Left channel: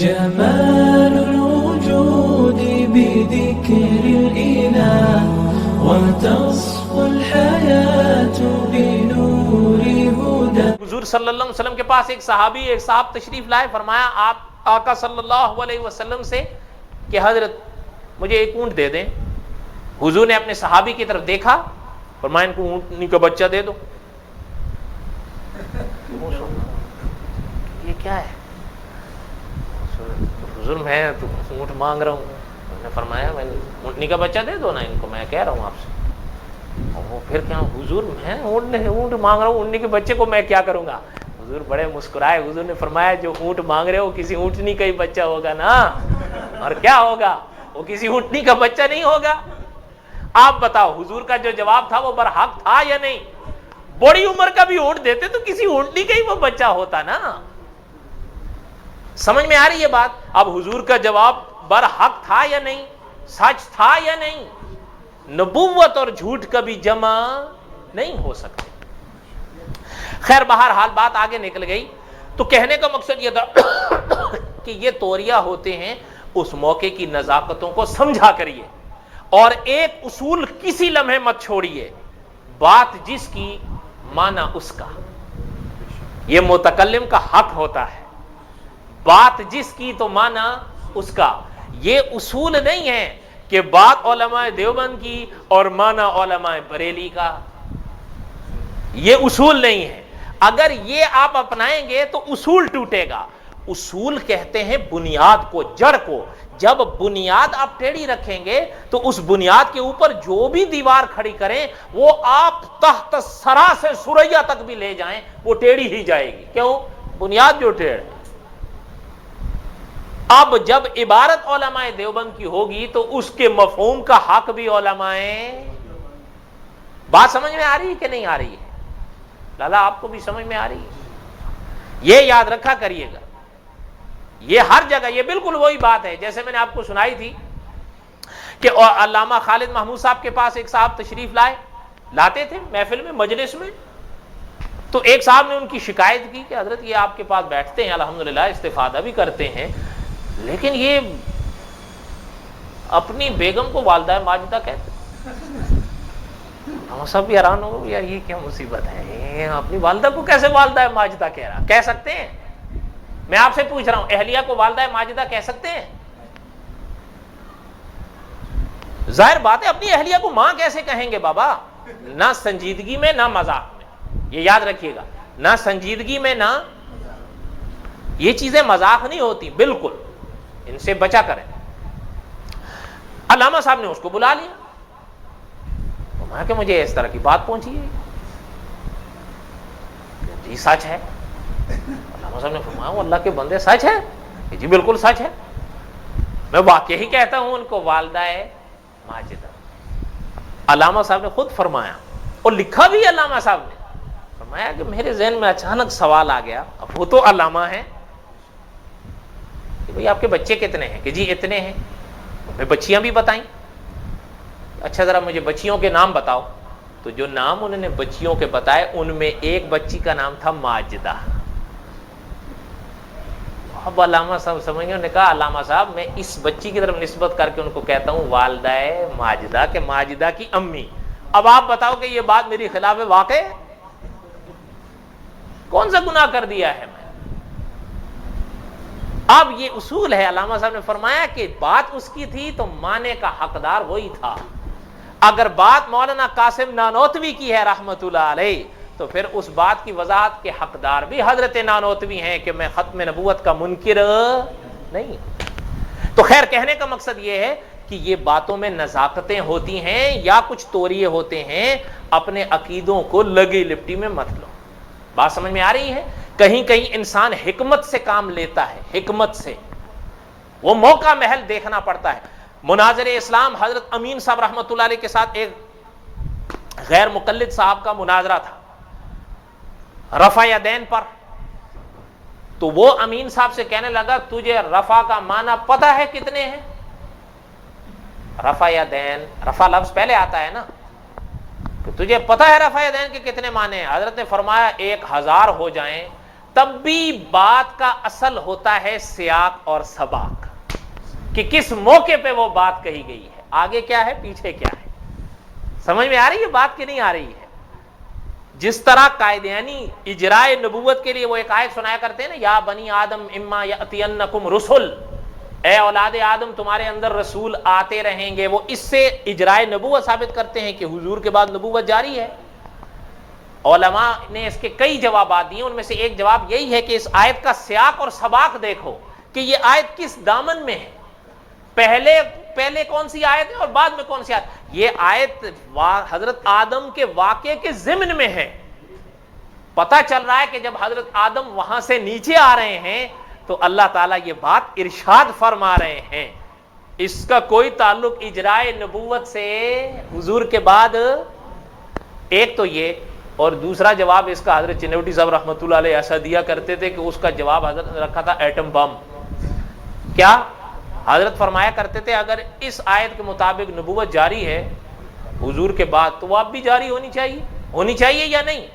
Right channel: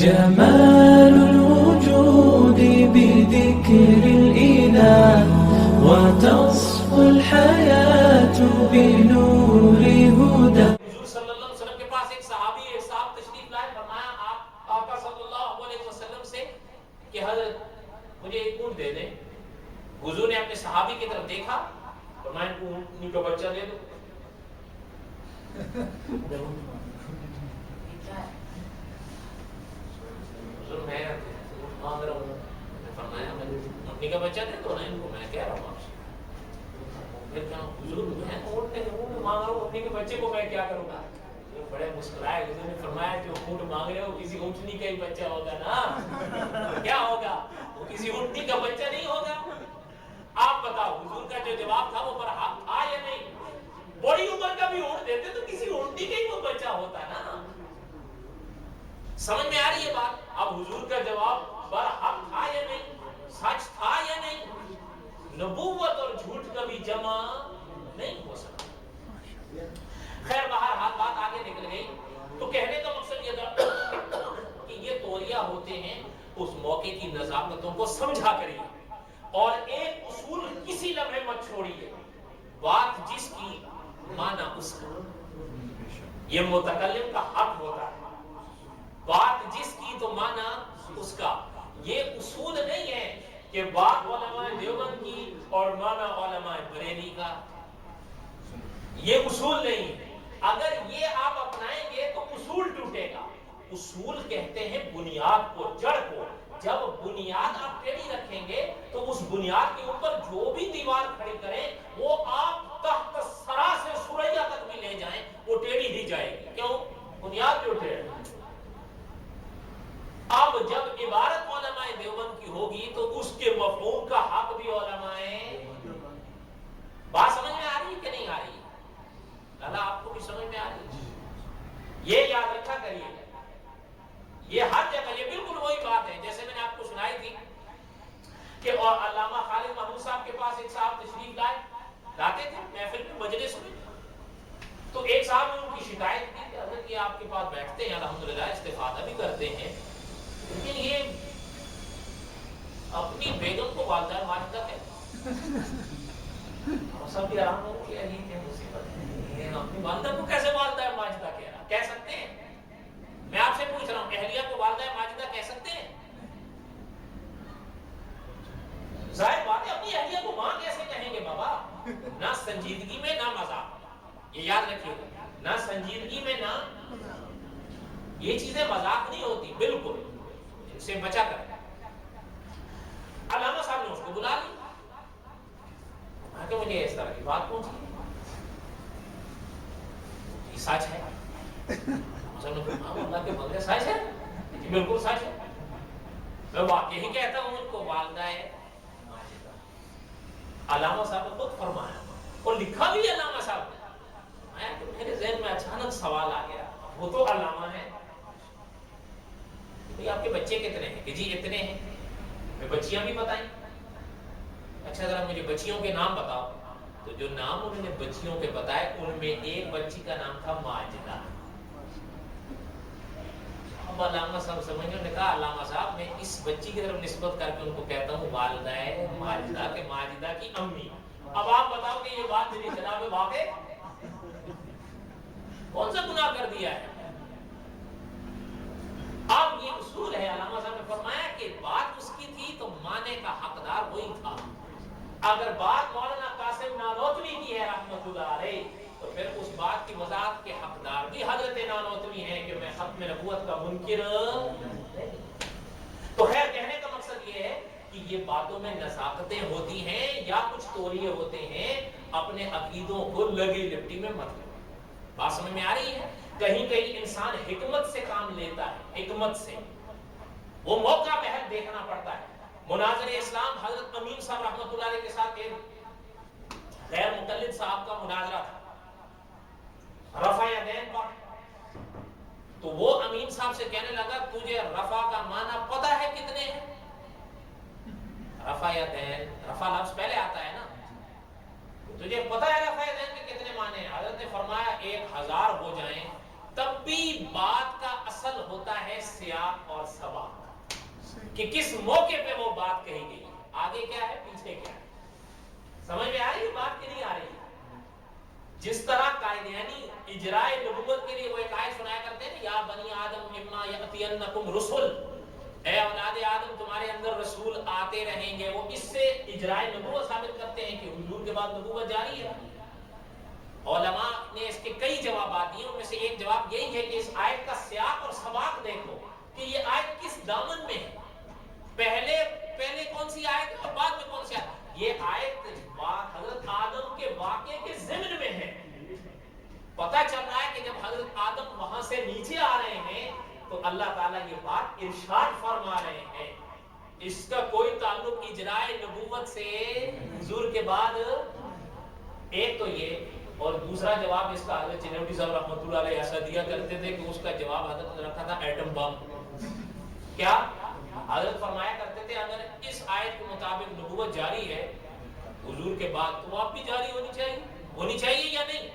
جمال الوجود بذكر الإله وتصفو الحياة بنور هدى. حضور صلی اللہ علیہ وسلم کے پاس ایک صاحب تشریف لائے. فرمایا آپ آقا صلی اللہ علیہ وسلم سے کہ حضرت مجھے ایک اونٹ دے دیں. حضور نے اپنے صحابی کی طرف دیکھا، فرمایا ان کو اونٹنی کا بچہ دے دو. یہ کیا ہے حضور؟ میں تو اونٹ مانگ رہا ہوں. نے فرمایا اونٹنی کا بچہ دے دو نا ان کو، میں کہہ رہا ہوں آپ سے. پھر کیا حضور میں اونٹ مانگ رہا ہوں، اونٹنی کے بچے کو میں کیا کروں گا؟ حضور بڑے مسکرائے. حضور نے فرمایا جو اونٹ مانگ رہے ہو کسی اونٹنی کا ہی بچہ ہوگا نا، اور کیا ہوگا؟ وہ کسی اونٹنی کا بچہ نہیں ہوگا. آپ بتاؤ حضور کا جو جواب تھا وہ برحق تھا یا نہیں؟ بڑی عمر کا بھی اونٹ دیتے تو کسی اونٹنی کا ہی وہ بچہ ہوتا نا. سمجھ میں آ رہی ہے بات؟ اب حضور کا جواب برحق تھا یا نہیں، سچ تھا یا نہیں؟ نبوت اور جھوٹ کبھی جمع نہیں ہو سکتا. خیر بہرحال بات آگے نکل گئی. تو کہنے کا مقصد یہ تھا کہ یہ طوریہ ہوتے ہیں، اس موقع کی نزاکتوں کو سمجھا کریے، اور ایک اصول کسی لمحے مت چھوڑیے، بات جس کی معنی اس کا. یہ متکلم کا حق ہوتا ہے، بات جس کی تو معنی اس کا. یہ اصول نہیں ہے کہ بات علماء دیوبند کی اور معنی علماء بریلی کا. یہ اصول نہیں ہے. اگر یہ آپ اپنائیں گے تو اصول ٹوٹے گا. اصول کہتے ہیں بنیاد کو، جڑ کو. جب بنیاد آپ ٹیڑھی رکھیں گے تو اس بنیاد کے اوپر جو بھی دیوار کھڑی کریں وہ آپ تحت سرا سے سریا تک بھی لے جائیں وہ ٹیڑھی ہی جائے گی. کیوں؟ بنیاد جو ٹیڑھ. اب جب عبارت علماء دیوبند کی ہوگی تو اس کے مفہوم کا حق بھی علماء. بات سمجھ میں آ رہی ہے کہ نہیں آ رہی ہے؟ لالا آپ کو بھی سمجھ میں آ رہی ہے؟ یہ یاد رکھا کریے گا. یہ ہر جگہ یہ بالکل وہی بات ہے جیسے میں نے آپ کو سنائی تھی کہ علامہ خالد محمود صاحب کے پاس ایک صاحب تشریف لاتے تھے محفل میں، مجلس میں. تو ایک صاحب نے ان کی شکایت کی کہ حضرت یہ آپ کے پاس بیٹھتے ہیں الحمدللہ استفادہ بھی کرتے ہیں، لیکن یہ اپنی بیگم کو والدہ ماجدہ کہتے ہیں. ہم سب بھی حیران ہو یار یہ کیا مصیبت ہے، اپنی والدہ کو کیسے والدہ ماجدہ کہہ سکتے ہیں؟ میں آپ سے پوچھ رہا ہوں اہلیہ کو والدہ ماجدہ کہہ سکتے ہیں؟ ظاہر بات ہے اپنی اہلیہ کو ماں کیسے کہیں گے بابا؟ نہ سنجیدگی میں نہ مذاق میں. یہ یاد رکھیے گا، نہ سنجیدگی میں نہ، یہ چیزیں مذاق نہیں ہوتی، بالکل ان سے بچا کریں. علامہ صاحب نے اس کو بلا لیا، میں کہ مجھے اس طرح کی بات پہنچی ہے. جی سچ ہے. علامہ صاحب نے فرمایا اللہ کے بندے سچ ہے؟ جی بالکل سچ ہے، میں واقعی ہی کہتا ہوں ان کو والدہ ماجدہ. علامہ صاحب نے خود فرمایا اور لکھا بھی علامہ صاحب نے فرمایا کہ میرے ذہن میں اچانک سوال آ گیا. اب وہ تو علامہ ہیں کہ بھئی آپ کے بچے کتنے ہیں؟ کہ جی اتنے ہیں. میں بچیاں بھی بتائیں. اچھا ذرا مجھے بچیوں کے نام بتاؤ. تو جو نام انہوں نے بچیوں کے بتائے ان میں ایک بچی کا نام تھا ماجدہ. اب علامہ صاحب سمجھ گئے، انہوں نے کہا علامہ صاحب میں اس بچی کی طرف نسبت کر کے ان کو کہتا ہوں والدہ ماجدہ، کہ ماجدہ کی امی. اب آپ بتاؤ کہ یہ بات میری خلاف واقع ہے؟ کون سا گناہ کر دیا ہے؟ اب یہ اصول ہے. علامہ صاحب نے فرمایا کہ بات اس کی تھی تو معنی کا حقدار وہی تھا. اگر بات مولانا قاسم نانوتوی کی ہے رحمت اللہ علیہ تو پھر اس بات کی وضاحت کے حقدار بھی حضرت نانوتوی ہیں کہ میں ختم نبوت کا منکر نہیں. تو خیر کہنے کا مقصد یہ ہے کہ یہ باتوں میں نزاکتیں ہوتی ہیں یا کچھ توریے ہوتے ہیں، اپنے عقیدوں کو لگی لپٹی میں مت لو. بات سمجھ میں آ رہی ہے؟ کہیں کہیں انسان حکمت سے کام لیتا ہے، حکمت سے وہ موقع محل دیکھنا پڑتا ہے. مناظر اسلام حضرت امین صاحب رحمۃ اللہ علیہ کے ساتھ ایک غیر مقلد صاحب کا مناظرہ تھا رفع یدین پر. تو وہ امین صاحب سے کہنے لگا تجھے رفع کا معنی پتہ ہے کتنے ہیں؟ رفع یدین، رفع لفظ پہلے آتا ہے نا، تو تجھے پتہ ہے رفع یدین کے کتنے معنی ہیں؟ حضرت نے فرمایا 1000 ہو جائیں تب بھی بات کا اصل ہوتا ہے سیاق اور سباق، کہ کس موقع پہ وہ بات کہی گئی ہے، آگے کیا ہے پیچھے کیا ہے۔ سمجھ میں آ رہی ہے بات کہ نہیں آ رہی ہے؟ جس طرح قائدینی اجرائے نبوت کے لیے وہ ایک آیت سنایا کرتے ہیں نا، یا بنی آدم اما یاتینکم رسل، اے اولاد آدم تمہارے اندر رسول آتے رہیں گے، وہ اس سے اجرائے نبوت ثابت کرتے ہیں کہ حضور کے بعد نبوت جاری ہے۔ علماء نے اس کے کئی جوابات دیے، ان میں سے ایک جواب یہی ہے کہ اس آیت کا سیاق اور سباق دیکھو کہ یہ آیت کس دامن میں ہے، پہلے کون سی آیت ہے اور بعد میں کون سی آیت۔ یہ آیت حضرت آدم کے واقعے کے ضمن میں ہے۔ پتہ چل رہا ہے کہ جب حضرت آدم وہاں سے نیچے آ رہے ہیں تو اللہ تعالیٰ یہ بات ارشاد فرما رہے ہیں، اس کا کوئی تعلق اجرائے نبوت سے حضور کے بعد۔ ایک تو یہ، اور دوسرا جواب اس کا حضرت چنوٹی صاحب رحمۃ اللہ علیہ ایسا دیا کرتے تھے کہ اس کا جواب حضرت رکھا تھا ایٹم بم۔ کیا حضرت فرمایا کرتے تھے اگر اس آیت کے مطابق نبوت جاری ہے حضور کے بعد تو وہ اب بھی جاری ہونی چاہیے یا نہیں؟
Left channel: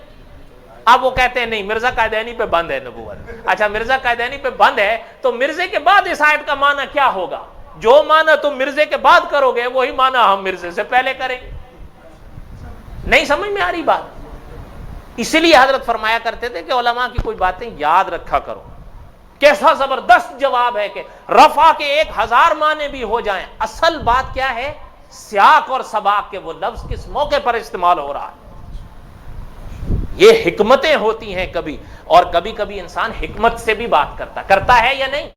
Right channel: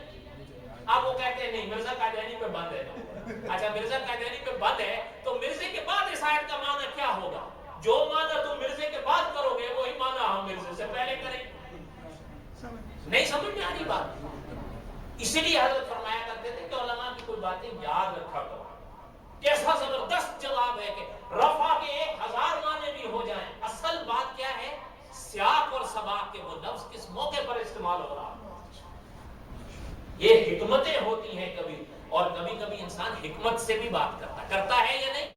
اب وہ کہتے ہیں نہیں، مرزا قائدینی پہ بند ہے نبوت۔ اچھا مرزا قائدینی پہ بند ہے تو مرزے کے بعد اس آیت کا معنی کیا ہوگا؟ جو معنی تم مرزے کے بعد کرو گے وہی معنی ہم مرزے سے پہلے کریں۔ نہیں سمجھ میں آ رہی بات؟ اسی لیے حضرت فرمایا کرتے تھے کہ علماء کی کوئی باتیں یاد رکھا کرو۔ کیسا زبردست جواب ہے کہ رفع کے 1000 معنی بھی ہو جائیں، اصل بات کیا ہے؟ سیاق اور سباق کے وہ لفظ کس موقع پر استعمال ہو رہا ہے۔ یہ حکمتیں ہوتی ہیں کبھی، اور کبھی کبھی انسان حکمت سے بھی بات کرتا ہے یا نہیں؟